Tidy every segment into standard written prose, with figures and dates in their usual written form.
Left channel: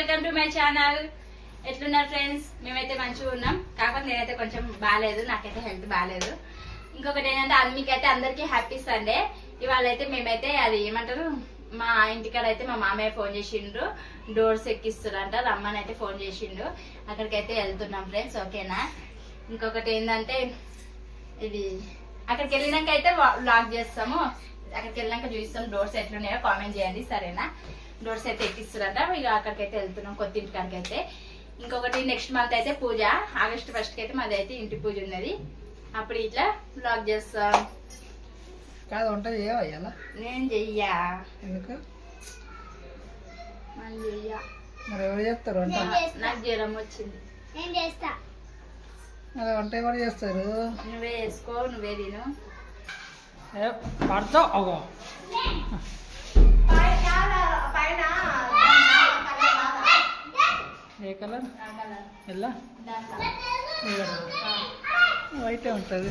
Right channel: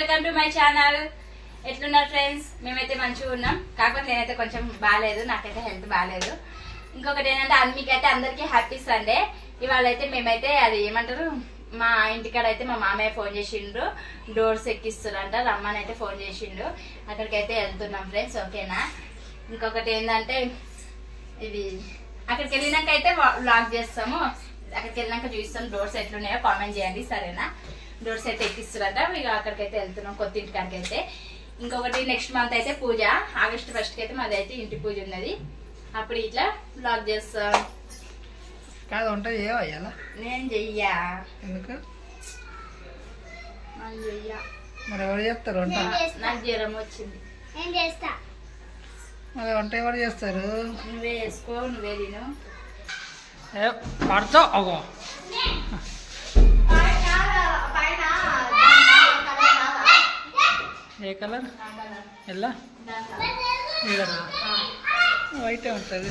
Welcome to my channel. ఎట్లున్నారు friends? మేమైతే మంచిగా ఉన్నాం. కాకపోతే నేనైతే కొంచెం బాగాలేదు, నాకైతే హెల్త్ బాగాలేదు. ఇంకొకటి ఏంటంటే మీకైతే అందరికీ హ్యాపీ సండే. ఇవాళ అయితే మేమైతే అది ఏమంటారు, మా ఇంటికాడ అయితే మా మామయ్య ఫోన్ చేసిండ్రు, డోర్స్ ఎక్కిస్తురంట, రమ్మని అయితే ఫోన్ చేసిండు. అక్కడికైతే వెళ్తున్నాం ఫ్రెండ్స్, ఓకేనా? ఇంకొకటి ఏంటంటే ఇది అక్కడికి వెళ్ళినాక అయితే వ్లాగ్ చేస్తాము. అక్కడికి వెళ్ళినాక చూస్తాం డోర్స్ ఎట్లున్నాయో కామెంట్ చేయండి, సరేనా? డోర్స్ అయితే ఎక్కిస్తారంట. ఇక అక్కడికైతే వెళ్తున్నాం, కొత్త ఇంటికాడికి అయితే. ఇంకొకటి నెక్స్ట్ మంత్ అయితే పూజ, ఆగస్ట్ 1st కి అయితే మాది అయితే ఇంటి పూజ ఉన్నది. అప్పుడు ఇట్లా వ్లాగ్ చేస్తాం. కాదు వంట చేయవా? నేను చెయ్యా. ఎందుకు? నేను చెయ్యా. మరి ఎవరు చేస్తారు వంట? నాకు జ్వరం వచ్చింది. నేను చేస్తా. మరి వంట ఎవరు చేస్తారు? నువ్వే చేసుకో, నువ్వే తిను. పడతావు అగో. ఏ కలర్? ఎలా? వైట్ ఉంటుంది.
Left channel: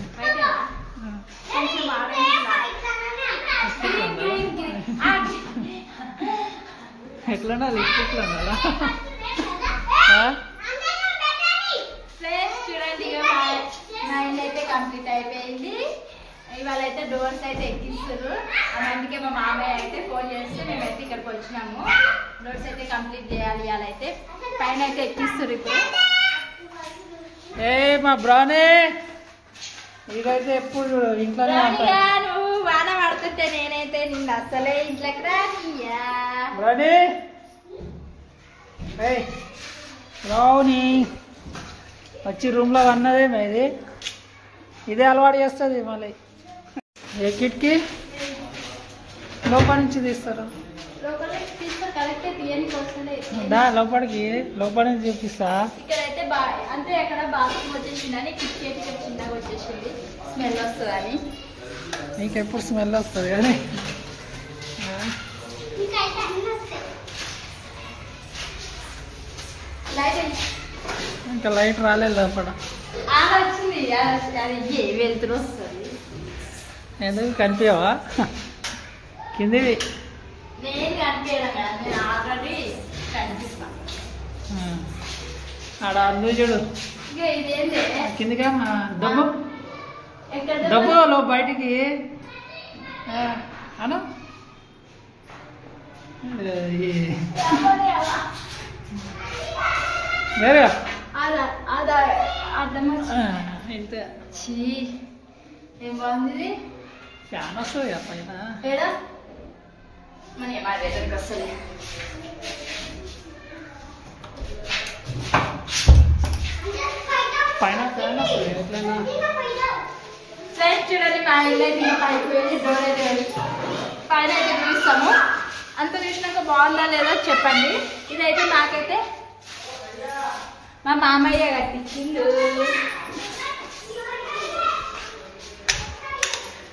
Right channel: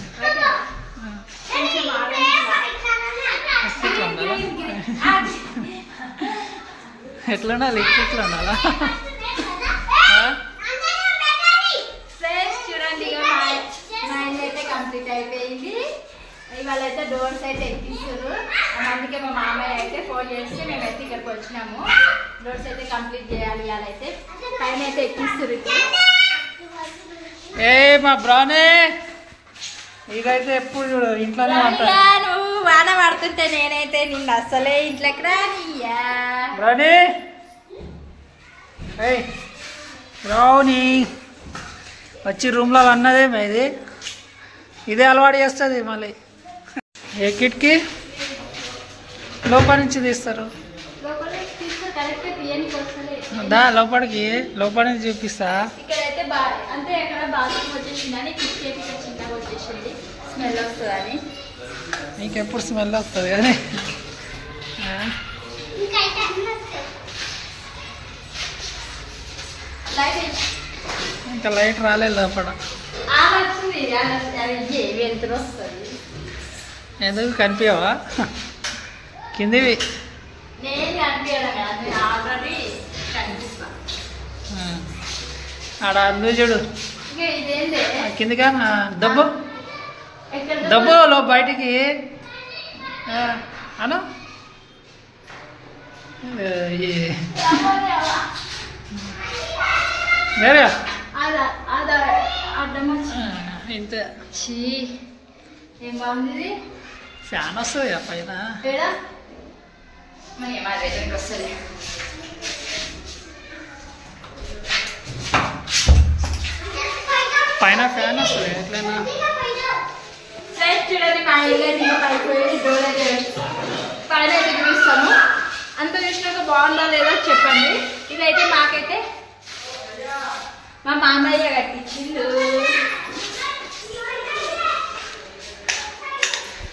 ఎట్లా ఉండాలి? ఇట్లా ఉండాలా? ఫ్రెండ్స్ చూడండి, అయితే కంప్లీట్ అయిపోయింది. ఇవాళ అయితే డోర్స్ అయితే ఎక్కిస్తారు. అందుకే మా మామయ్య అయితే ఫోన్ చేస్తే మేమైతే ఇక్కడికి వచ్చినాము. డోర్స్ అయితే కంప్లీట్ చేయాలి. ఇవాళ అయితే పైన అయితే ఎక్కిస్తారు. ఏ మా బ్రౌనీ, ఇదైతే ఎప్పుడు చూడు ఇంట్లోనే ఉంటాయి. నువ్వు వాన పడుతుంటే నేనైతే నిన్ను అస్సలే ఇంట్లోకి రానియా. బ్రౌనీ, బ్రౌనీ వచ్చి రూమ్లో అన్నదే ఇది. ఇదే అలవాటు చేస్తుంది మళ్ళీ. ఏ కిట్కి లోపల నుంచి తీస్తారు? లోపలికి నుంచి చూపిస్తా. ఇక్కడైతే అంటే అక్కడ బాత్రూమ్ వచ్చేసిందని కిటికీ చిన్నగా వచ్చేసింది, స్మెల్ వస్తుందని. నీకెప్పుడు స్మెల్ వస్తుంది కానీ ఇంకా లైట్ రాలేదు లోపల. వెళ్తురు వస్తుంది. ఎందుకు కనిపించవా? కిందివి నేను కనిపించడం కదా, నేను ఆల్రెడీ కనిపిస్తాను. ఆడ అందు చూడు ఇదేంటే కిందిగా దబ్బు దబ్బు లో బయటికి అను. వేరే ఇంత ఏం బాగుంది. ఫ్యాన్ వస్తుంది పైన. వస్తుంది. పైన ఫ్యాన్ వస్తుంది ఎట్లయినా. చూడండి, మా ఇల్లు అయిపోయి డోర్ అయితే పైన అయితే చూస్తాము. అంత చూసినాక బాగుందా లేదా చెప్పండి. ఇదైతే మాకైతే మా మామయ్య కట్టించిండు.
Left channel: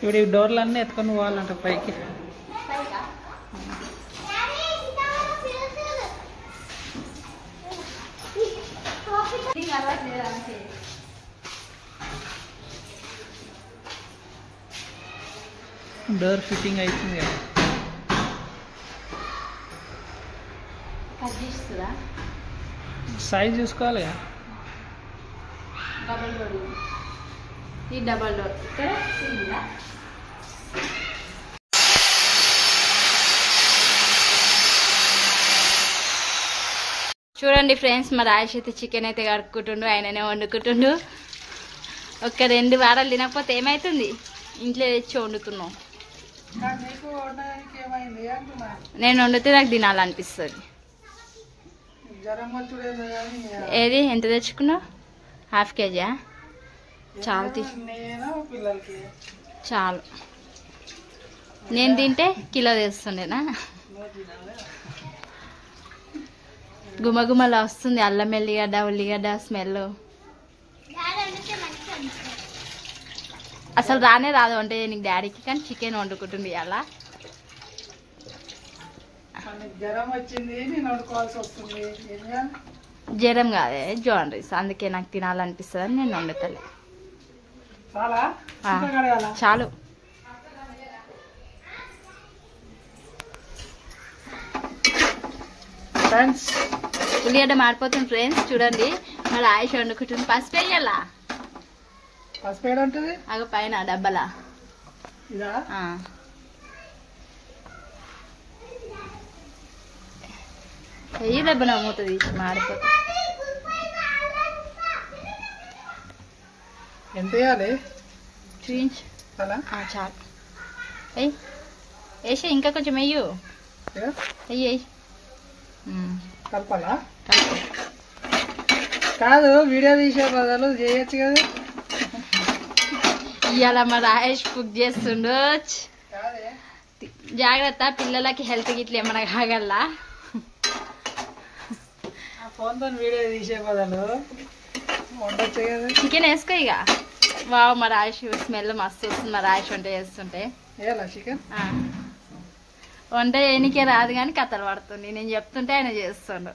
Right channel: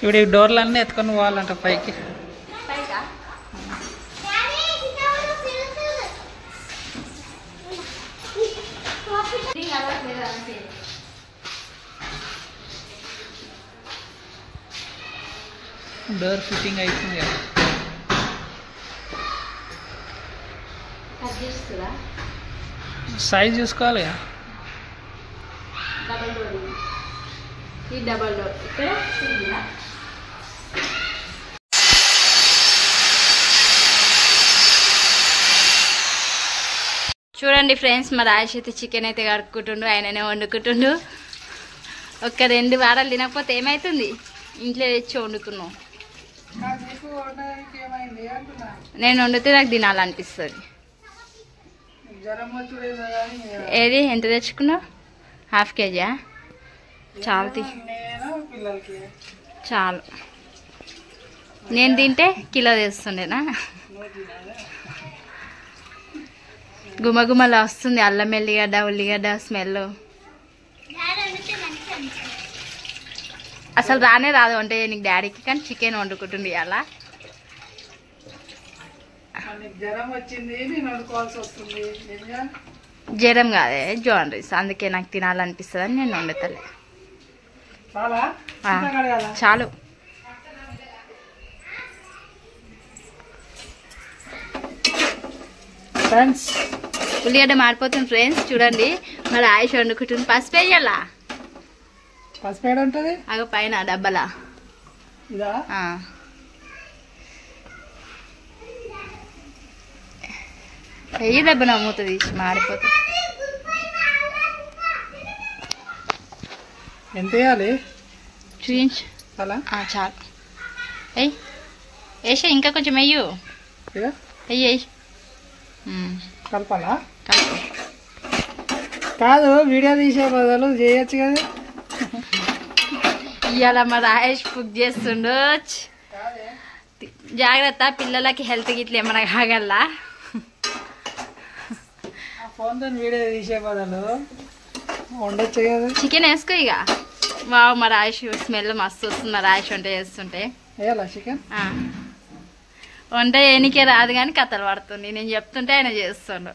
ఇప్పుడు ఈ డోర్లన్నీ ఎత్తుకొని పోవాలంట పైకి. డోర్ ఫిట్టింగ్ అవుతుంది కదా. సైజ్ చూసుకోవాలి కదా. డబల్ డోర్, ఈ డబల్ డోర్ ఇక్కడ సింగిలా. చూడండి ఫ్రెండ్స్, మా రాజేష్ అయితే చికెన్ అయితే కడుక్కుంటుండు, ఆయననే వండుకుంటుండు. ఒక్క 2 వారాలు తినకపోతే ఏమవుతుంది? ఇంట్లో తెచ్చి వండుతున్నావు. నేను వండితే నాకు తినాలనిపిస్తుంది. ఏది ఎంత తెచ్చుకున్నావు? ½ కేజీయా? చాలు చాలు. నేను తింటే కిలో తెస్తుండేనా? గుమగుమలా వస్తుంది, అల్లం ఎల్లిగడ్డ ఉల్లిగడ్డ స్మెల్. అసలు రానే రాదు అంటే నీకు డాడీకి, కానీ చికెన్ వండుకుంటుంది అలా. జ్వరం కాదే, జాండీస్. అందుకే నాకు తినాలనిపిస్తుంది అని నేను వండుతలే. చాలు. ఫ్రెండ్స్ ఉల్లిగడ్డ మాడిపోతుంది ఫ్రెండ్స్. చూడండి మరి ఆయుష్ వండుకుంటుంది. పసుపు వేయాలా? పసుపు ఏడుంటది? అగ పైన డబ్బలా. ఇదా? వెయ్యి దెబ్బ నమ్ముతుంది మాడిపోతుంది. ఎంత వేయాలి చూపించు. చాలా చాలు. వెయ్యి వేసే ఇంకా కొంచెం వెయ్యు. వెయ్యి కలపాలా? కలుపు. కాదు వీడియో తీసే బదులు చేయొచ్చు కదా. ఇవాళ మా రాయేష్ కుక్ చేస్తుండు. జాగ్రత్త, పిల్లలకి హెల్త్ గిట్ల ఏమన్నా కాగల్లా. ఫోన్తో వీడియో తీసే బదులు వండొచ్చు కదా. చికెన్ వేసుకో ఇక. వావ్ మా రాయేష్ స్మెల్ మస్తు వస్తుంది మా రాయేష్ వంట చేస్తుంటే. వేయాలా చికెన్? వంట ఏనికే రాదు కానీ కథలు పడుతుంది. నేను చెప్తుంటే ఆయన చేస్తుండు.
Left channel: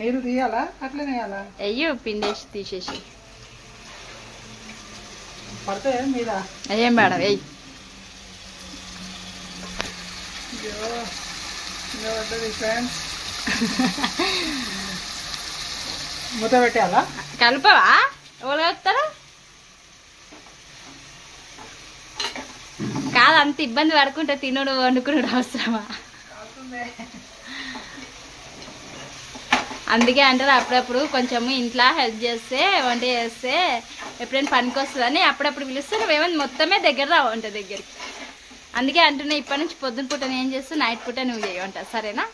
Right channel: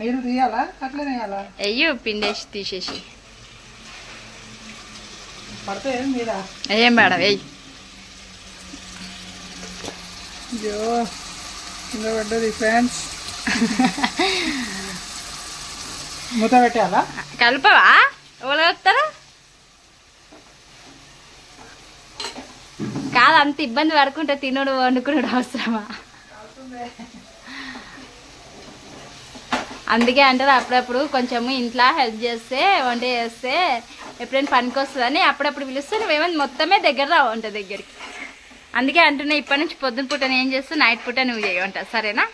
నీళ్ళు తీయాలా అట్లనే వేయాలా? అయ్యో పిండేసి తీసేసి పడితే మీద ఏం మేడం వెయ్యి. పడ్డది ఫ్రెండ్స్. మూత పెట్టాలా? కలపవా? ఎవరు కలుపుతారు? కాదు అంత ఇబ్బంది పడుకుంటే తినుడు వండుకున్నాడు అవసరమా? అందుకే అంటారు అప్పుడప్పుడు కొంచెము ఇంట్లో హెల్ప్ చేస్తే వంట చేస్తే ఎప్పుడైనా పనికి వస్తుందని అప్పుడప్పుడు పిలిస్తే నువ్వేమైనా మొత్తమే దగ్గర రావు వంట దగ్గరికి. అందుకే అంటున్నా ఇప్పటి నుంచి పొద్దున పూట నేను చేస్తూ నైట్ పూట నువ్వు చేయవంట. సరేనా?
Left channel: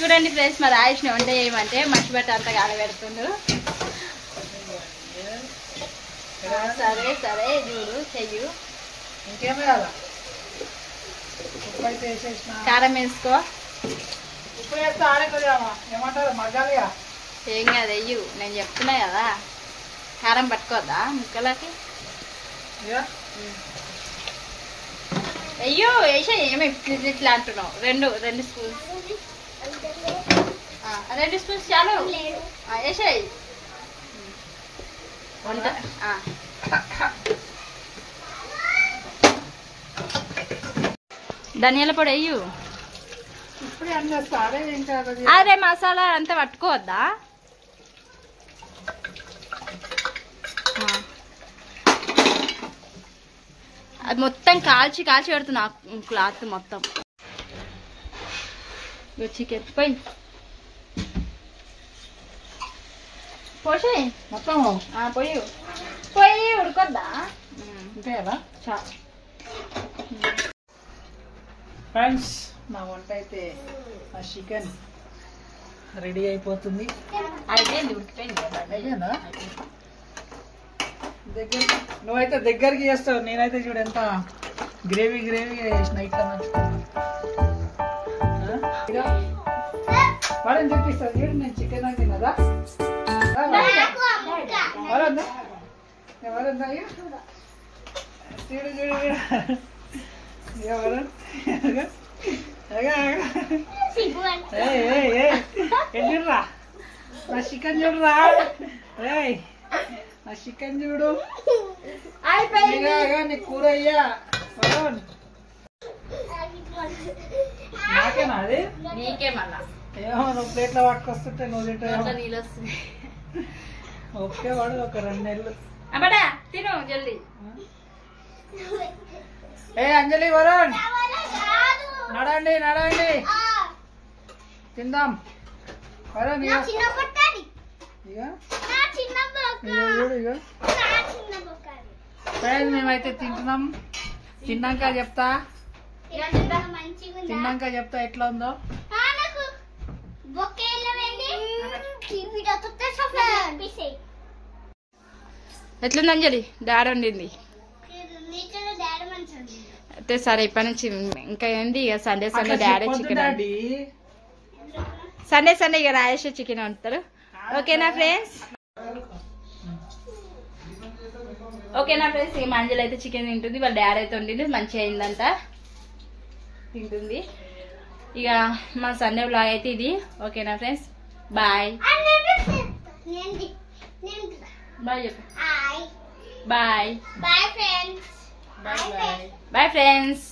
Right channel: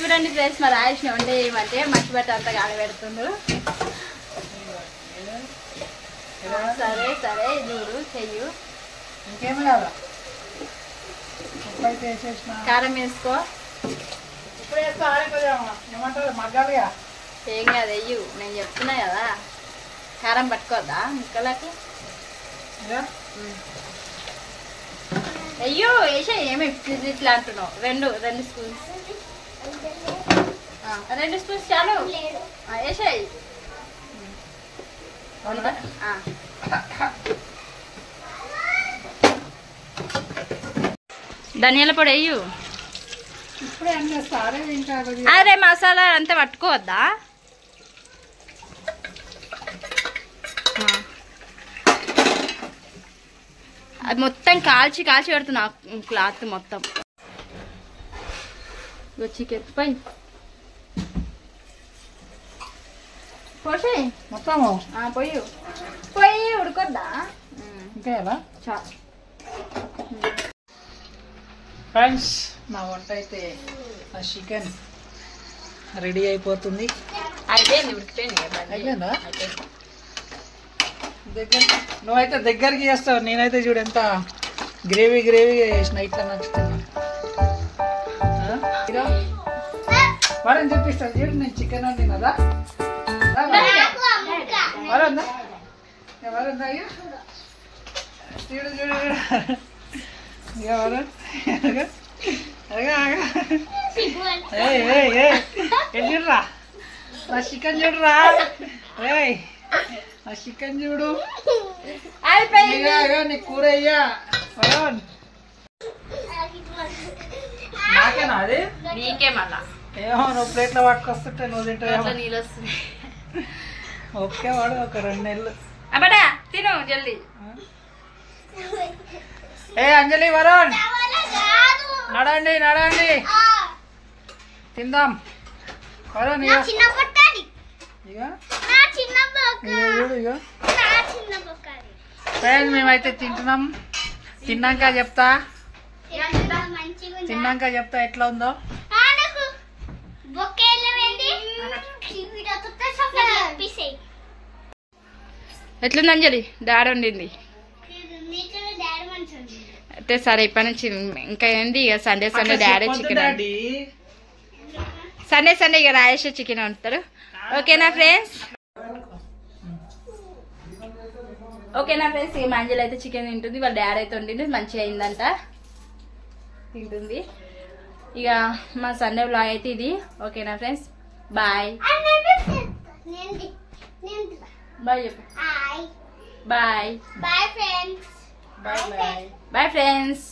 చూడండి ఫ్రెండ్స్ మరి ఆయుష్ని వంట చేయమంటే మట్టి బట్ట అంతా కాలబెడుతుండు. సరే సరే చూడు చెయ్యు. ఇంకేమో కదా ఉప్పు అయితే వేసేసిన. కారం వేసుకో. ఉప్పు వేస్తే ఆడేపోయామా ఏమంటారు మగ్గాలిగా. ఏం కాదు వెయ్యు. నేను చెప్తున్నా కదా కారం పట్టుకోద్దా ముక్కలకి? వెయ్యు వేసే ఏమి ఇట్లా అంటున్నావు. రెండు స్పూన్స్ 2 స్పూన్స్ చాలు వేసేయి. ధనియాల పొడి వెయ్యు. ఇప్పుడే అన్నీ ఇంకా అరే మసాలా అంతా పట్టుకోవద్దా? అది మొత్తం కాల్చి కాల్చి పెడుతున్నా క్లాత్ మొత్తం. చికెన్ పోయి పోసి మొత్తము పోయి ఉడకొద్దా? ఇంకా ఎలా చా ఫ్రెండ్స్ నా వంట అయితే ఆ చికెన్ రెడీ అయిపోతుంది. అయిపోయింది ఉడికిపోయింది. అయిపోయిందా? దగ్గర నువ్వైతే దగ్గరికి చేస్తావు. నేనైతే చూడు ఎంత గ్రేవీగా చేసిన. ఇట్లా నచ్చుతుంది వాడని చెప్పిస్తాను చూడు. నేను చికెన్ వండినదా? వరందా ఎవరందా? అయ్యా చూడు చూడు చూడు ఎవరు చూడరా నా చికెన్ చూడరా. నా చికెన్ చూడు. నీ కూర అయ్యా వరుణ్. నాకేనా అది? నీకే మళ్ళా ఏమో నువ్వు ప్లేట్లో పట్టుకొస్తుంటే నువ్వు తింటావు. నీళ్ళు వస్తుంది. ఓకే వాడు ఒక 2 నెలలు అబ్బా తిను జల్దీ. ఏ అంజలి వరుణ్ నడండి నడండి తిందాం. వరుణ్ ఇక ఫ్రెండ్స్ మేమైతే తింటున్నాం. తిన్నాక చెప్తా ఎట్లా ఉందో. ఎట్లుంది అంజలి? డాడీ వండింది అయితే సరే. ఇప్పటి నుంచి ఇంకా ఏంది ఇక సండే డాడీ చికెన్, సండే ఇక రాయేష్ చికెన్ వండుతారు. ఓకేనా ఫ్రెండ్స్? ఇక మా అంజలి అయితే చికెన్ తింటుంది. వాళ్ళ డాడీ అయితే వండింది మంచిగా అయిందంట తింటుంది. ఇక మా సండే వ్లాగ్ అయితే ఇది. ఓకేనా ఫ్రెండ్స్? బాయ్ బాయ్ చెప్పు. Bye Bye friends. Bye friends.